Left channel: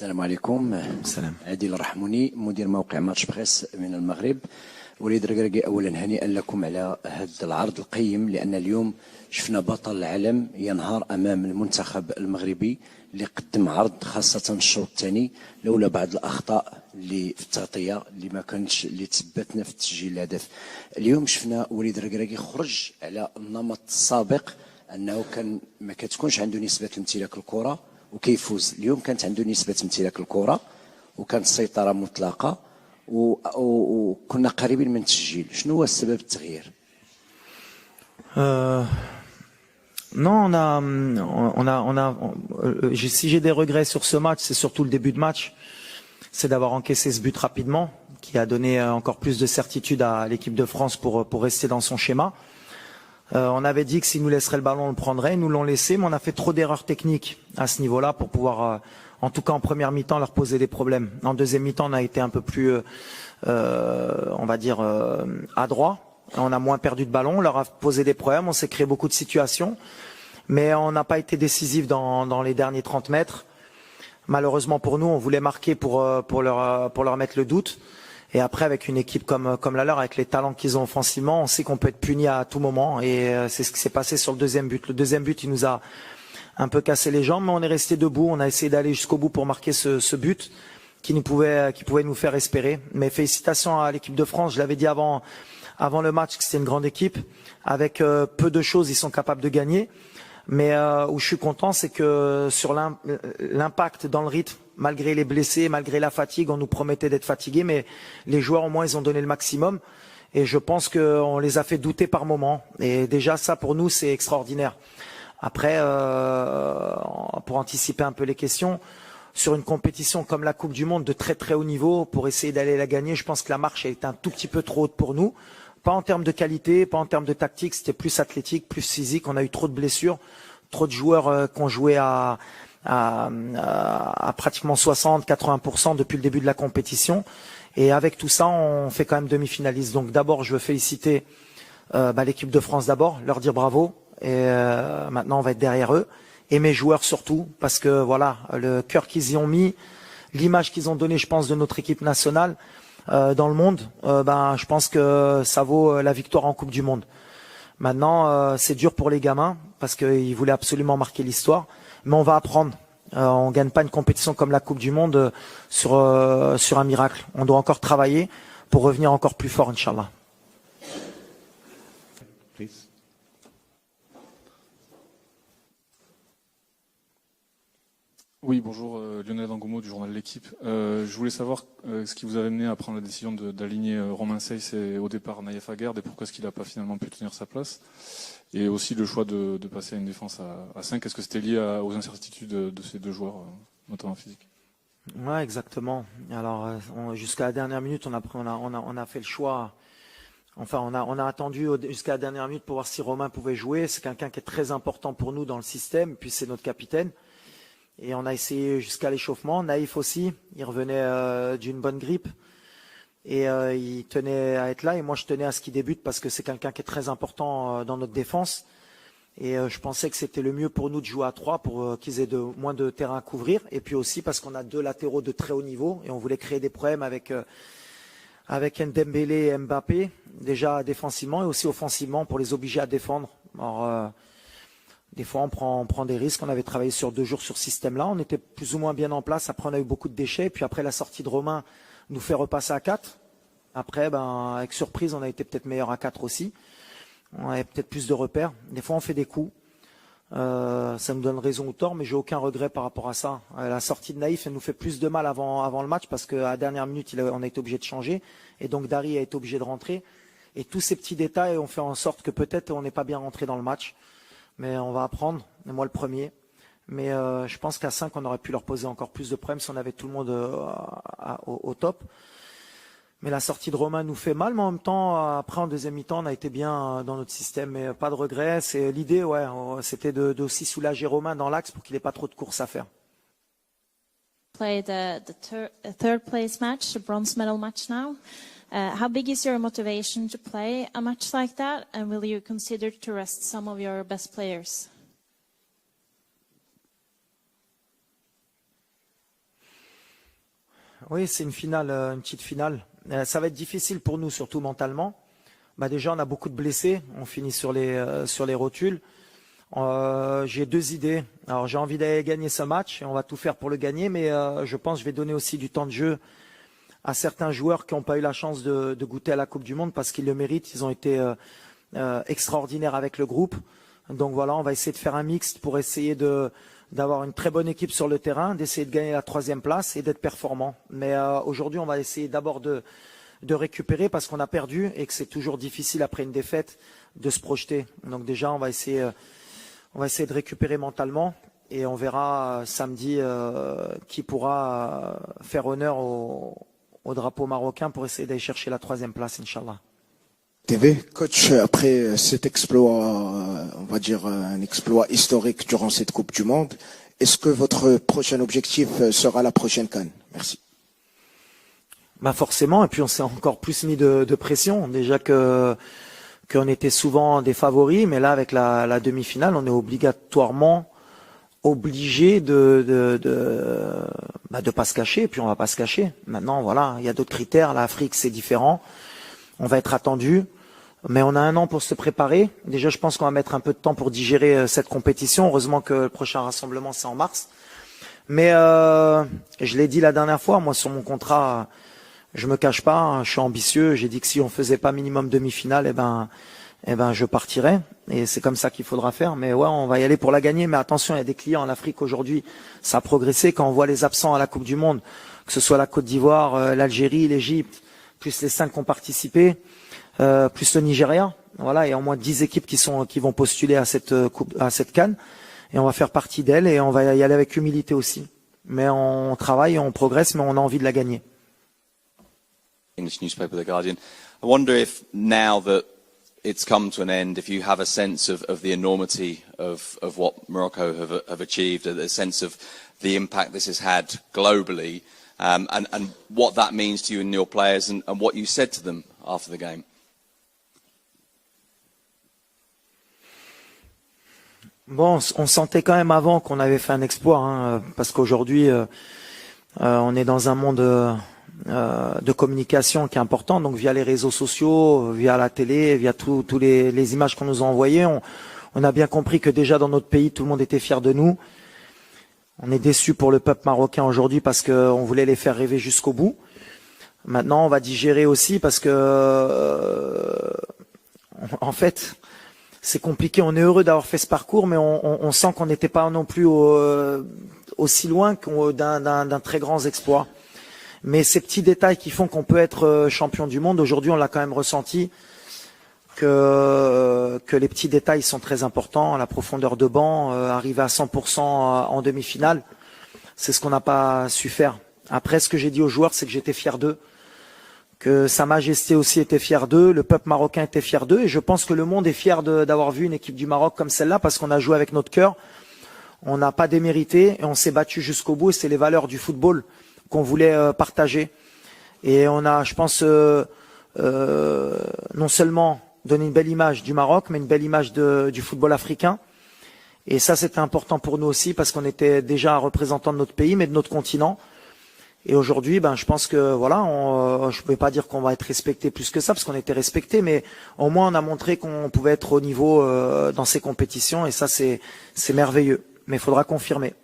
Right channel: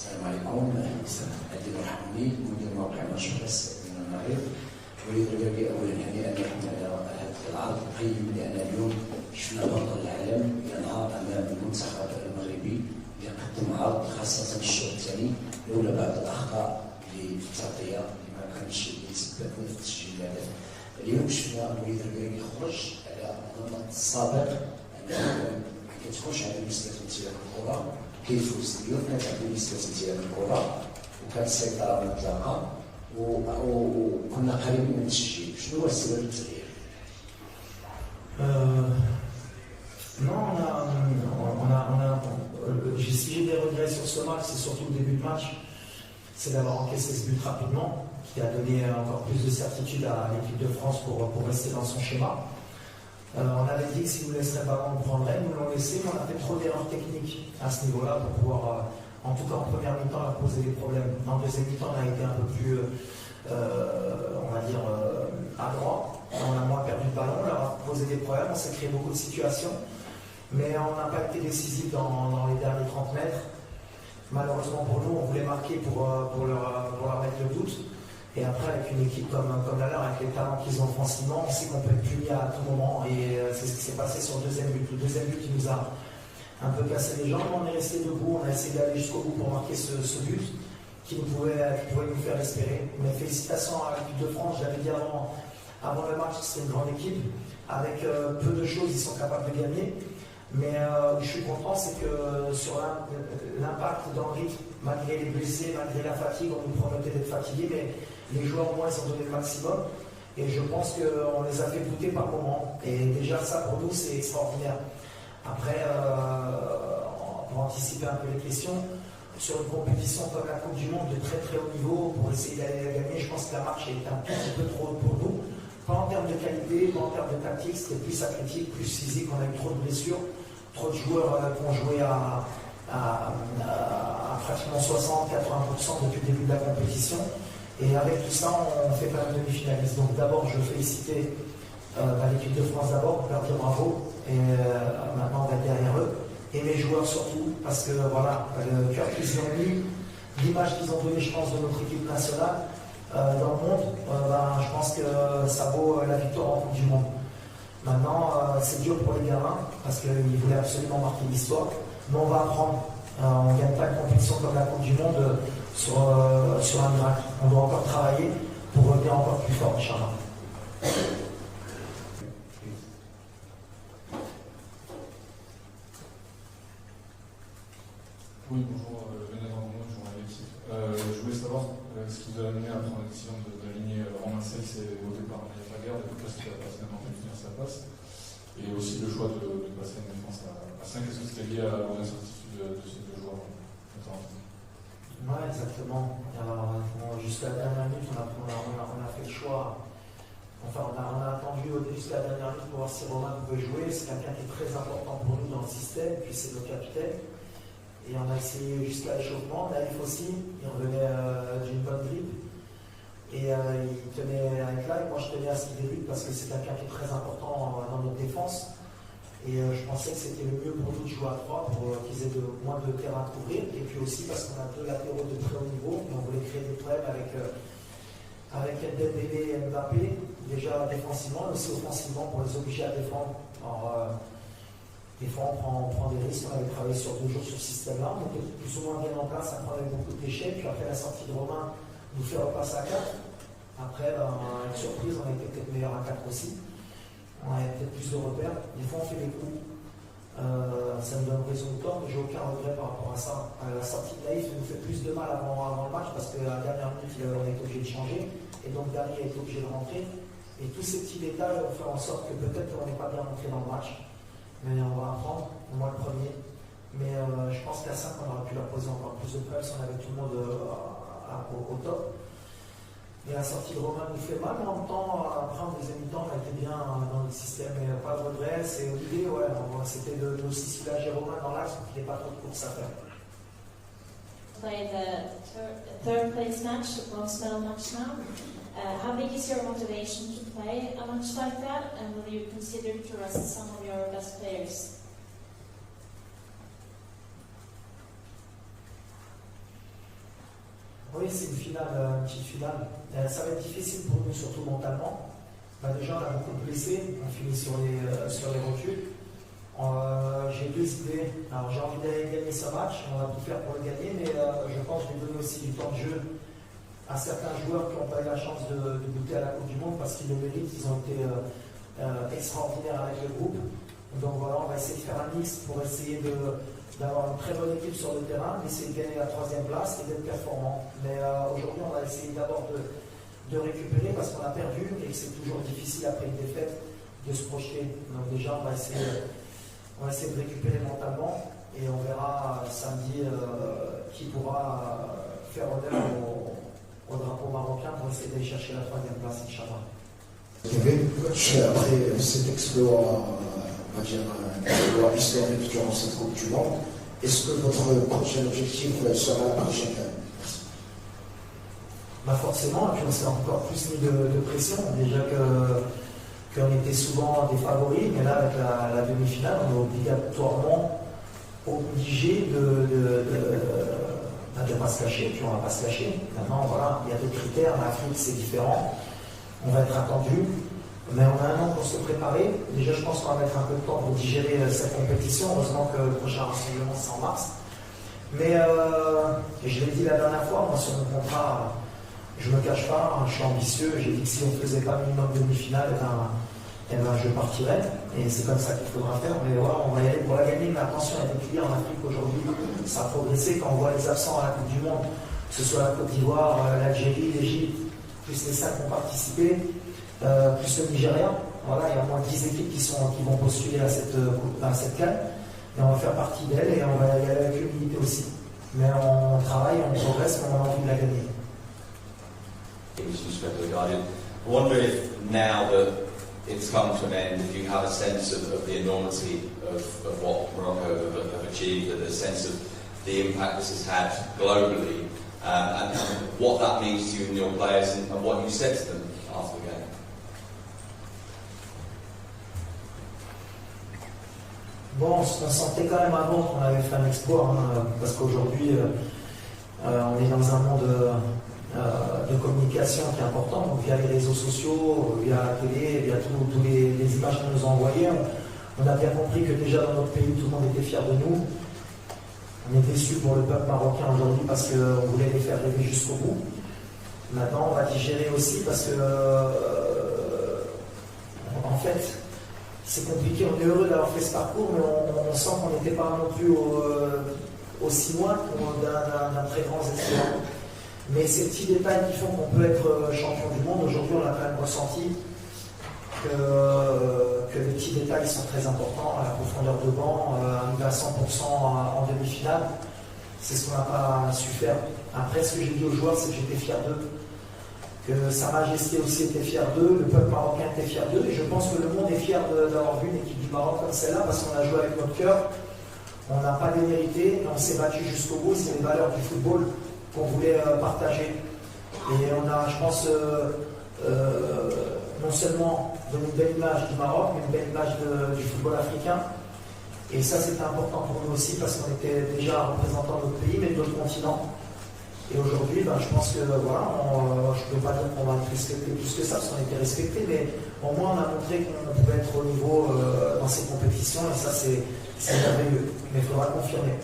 السلام عليكم. عادل الرحموني مدير موقع ماتش بريس من المغرب. وليد ركراكي اولا هنيئا لكم على هذا العرض القيم، لان اليوم شفنا بطل العالم ينهار امام المنتخب المغربي اللي قدم عرض، خاصه الشوط الثاني لولا بعض الاخطاء اللي في التغطيه اللي ما كانتش اللي تثبتنا في تسجيل الهدف. اليوم شفنا وليد ركراكي خرج على النمط السابق انه كان ما كتكونش عنده نسبه امتلاك الكره وكيفوز. اليوم كانت عنده نسبه امتلاك الكره وكانت السيطره مطلقه وكنا قريبين من التسجيل. شنو هو السبب التغيير؟ Non, si j'ai des regrets sur ce match, c'est surtout le début de match. C'est d'avoir encaissé ce but rapidement, qui a donné encore plus de certitude à l'équipe de France pour rester dans son schéma. On avait dit que s'ils nous laisseraient le ballon, on le prendrait. Ils nous l'ont laissé, mais on a fait trop d'erreurs techniques à ce niveau-là pour pouvoir, en tout cas en première mi-temps, leur poser des problèmes. En deuxième mi-temps, on a été un peu plus, on va dire, adroit. On a moins perdu de ballon, on leur a posé des problèmes, on s'est créé beaucoup de situations. Mais on n'a pas été décisif dans les derniers 30 mètres. Malheureusement pour nous, on voulait marquer pour leur mettre le doute. Et après, avec une équipe comme la leur, avec les talents qu'ils ont offensivement, on sait qu'on peut être puni à tout moment. Et c'est ce qui s'est passé sur le deuxième but. Le deuxième but, il nous a un peu cassé les jambes, mais on est resté debout. On a essayé d'aller jusqu'au bout pour marquer ce but qui pouvait nous faire espérer. Mais félicitations à l'équipe de France. Je l'avais dit avant le match que c'était une grande équipe. Avec peu de choses, ils sont capables de gagner. Mais où je suis content, c'est que sur l'impact dans le rythme, malgré les blessés, malgré la fatigue, on nous promettait d'être fatigués, mais les joueurs au moins, ils ont donné le maximum. Et je pense qu'on les a fait douter par moments. Et déjà, ça, pour nous, c'est extraordinaire. Après, pour anticiper un peu les questions, sur une compétition comme la Coupe du Monde de très très haut niveau, pour essayer d'aller la gagner, je pense que la marche a été un tout petit peu trop haute pour nous. Pas en termes de qualité, pas en termes de tactique, c'était plus athlétique, plus physique. On a eu trop de blessures, trop de joueurs qui ont joué à pratiquement 60-80% depuis le début de la compétition. Et avec tout ça, on fait quand même demi-finaliste. Donc d'abord, je veux féliciter l'équipe de France d'abord, leur dire bravo. Et maintenant, on va être derrière eux. Et mes joueurs surtout, parce que voilà, le cœur qu'ils y ont mis, l'image qu'ils ont donnée, je pense, de notre équipe nationale dans le monde, je pense que ça vaut la victoire en Coupe du Monde. Maintenant, c'est dur pour les gamins, parce qu'ils voulaient absolument marquer l'histoire. Mais on va apprendre. On ne gagne pas une compétition comme la Coupe du Monde sur un miracle. On doit encore travailler pour revenir encore plus fort, Inch'Allah. Oui, bonjour, Lionel Dangomo du journal L'Équipe. Je voulais savoir ce qui vous a amené à prendre la décision d'aligner Romain Saiss et au départ Naïef Aguerd, et pourquoi est-ce qu'il n'a pas finalement pu tenir sa place, et aussi le choix de passer à une défense à 5. Est-ce que c'était lié aux incertitudes de ces deux joueurs, notamment physiques? Ouais, exactement. Alors, jusqu'à la dernière minute, on a fait le choix. Enfin, on a attendu jusqu'à la dernière minute pour voir si Romain pouvait jouer. C'est quelqu'un qui est très important pour nous dans le système, puis c'est notre capitaine. Et on a essayé jusqu'à l'échauffement. Naïf aussi, il revenait d'une bonne grippe. Et il tenait à être là. Et moi, je tenais à ce qu'il débute parce que c'est quelqu'un qui est très important dans notre défense. Et je pensais que c'était le mieux pour nous de jouer à 3 pour qu'ils aient moins de terrain à couvrir. Et puis aussi parce qu'on a deux latéraux de très haut niveau. Et on voulait créer des problèmes avec Ndembélé et Mbappé, déjà défensivement et aussi offensivement pour les obliger à défendre. Alors, des fois, on prend des risques. On avait travaillé sur 2 jours sur ce système-là. On était plus ou moins bien en place. Après, on a eu beaucoup de déchets. Puis après, la sortie de Romain nous fait repasser à 4. Après, avec surprise, on a été peut-être meilleur à 4 aussi. On avait peut-être plus de repères. Des fois, on fait des coups. Ça nous donne raison ou tort, mais j'ai aucun regret par rapport à ça. La sortie de Naïf, elle nous fait plus de mal avant le match parce qu'à la dernière minute, on a été obligé de changer. Et donc, Dari a été obligé de rentrer. Et tous ces petits détails ont fait en sorte que peut-être on n'est pas bien rentré dans le match. Mais on va apprendre, et moi le premier. Mais je pense qu'à 5, on aurait pu leur poser encore plus de problèmes si on avait tout le monde au top. Mais la sortie de Romain nous fait mal, mais en même temps, après en deuxième mi-temps, on a été bien dans notre système. Mais pas de regret. C'est l'idée, ouais, c'était d'aussi soulager Romain dans l'axe pour qu'il n'ait pas trop de courses à faire. Play the third place match, the bronze medal match now. How big is your motivation to play a match like that, and will you consider to rest some of your best players? Oui, c'est une finale, une petite finale. Ça va être difficile pour nous, surtout mentalement. Déjà, on a beaucoup de blessés. On finit sur les rotules. J'ai 2 idées. Alors, j'ai envie d'aller gagner ce match. On va tout faire pour le gagner. Mais je pense que je vais donner aussi du temps de jeu à certains joueurs qui n'ont pas eu la chance de goûter à la Coupe du Monde parce qu'ils le méritent. Ils ont été extraordinaires avec le groupe. Donc voilà, on va essayer de faire un mixte pour essayer d'avoir une très bonne équipe sur le terrain, d'essayer de gagner la 3e place et d'être performant. Mais aujourd'hui, on va essayer d'abord de récupérer parce qu'on a perdu et que c'est toujours difficile après une défaite de se projeter. Donc déjà, on va essayer de récupérer mentalement et on verra samedi qui pourra faire honneur au drapeau marocain pour essayer d'aller chercher la 3e place, Inch'Allah. TV, coach, après cet exploit, on va dire un exploit historique durant cette Coupe du Monde, est-ce que votre prochain objectif sera la prochaine CAN? Merci. Forcément, et puis on s'est encore plus mis de pression. Déjà qu'on était souvent des favoris, mais là avec la demi-finale, on est obligatoirement obligé de pas se cacher, et puis on va pas se cacher. Maintenant, voilà, il y a d'autres critères. L'Afrique, c'est différent. On va être attendu, mais on a 1 an pour se préparer. Déjà, je pense qu'on va mettre un peu de temps pour digérer cette compétition. Heureusement que le prochain rassemblement, c'est en mars. Mais je l'ai dit la dernière fois, moi, sur mon contrat, je me cache pas, je suis ambitieux. J'ai dit que si on faisait pas minimum demi-finale, je partirais. Et c'est comme ça qu'il faudra faire. Mais ouais, on va y aller pour la gagner. Mais attention, il y a des clients en Afrique aujourd'hui. Ça a progressé. Quand on voit les absents à la Coupe du Monde, que ce soit la Côte d'Ivoire, l'Algérie, l'Égypte, plus les 5 qui ont participé, plus le Nigeria. Voilà, il y a au moins 10 équipes qui vont postuler à cette CAN. Et on va faire partie d'elle et on va y aller avec humilité aussi. Mais on travaille, on progresse, mais on a envie de la gagner. English newspaper, The Guardian. I wonder if now that it's come to an end, if you have a sense of the enormity of what Morocco have achieved, and a sense of the impact this has had globally, and what that means to you and your players, and what you said to them after the game. Bon, on sentait quand même avant qu'on avait fait un exploit, parce qu'aujourd'hui, on est dans un monde de communication qui est important, donc via les réseaux sociaux, via la télé, via tous les images qu'on nous a envoyées, on a bien compris que déjà dans notre pays, tout le monde était fier de nous. On est déçus pour le peuple marocain aujourd'hui parce qu'on voulait les faire rêver jusqu'au bout. Maintenant, on va digérer aussi parce que, en fait, c'est compliqué. On est heureux d'avoir fait ce parcours, mais on sent qu'on n'était pas non plus aussi loin d'un très grand exploit. Mais ces petits détails qui font qu'on peut être champion du monde, aujourd'hui, on l'a quand même ressenti que les petits détails sont très importants. La profondeur de banc, arriver à 100% en demi-finale, c'est ce qu'on n'a pas su faire. Après, ce que j'ai dit aux joueurs, c'est que j'étais fier d'eux, que Sa Majesté aussi était fier d'eux, le peuple marocain était fier d'eux, et je pense que le monde est fier d'avoir vu une équipe du Maroc comme celle-là, parce qu'on a joué avec notre cœur, on n'a pas démérité, et on s'est battu jusqu'au bout, et c'est les valeurs du football qu'on voulait partager. Et on a, je pense, non seulement donné une belle image du Maroc, mais une belle image du football africain. Et ça, c'était important pour nous aussi, parce qu'on était déjà représentant de notre pays, mais de notre continent. Et aujourd'hui, je pense que voilà, je ne pouvais pas dire qu'on va être respecté plus que ça, parce qu'on était respecté, mais au moins on a montré qu'on pouvait être au niveau dans ces compétitions, et ça c'est merveilleux. Mais il faudra confirmer.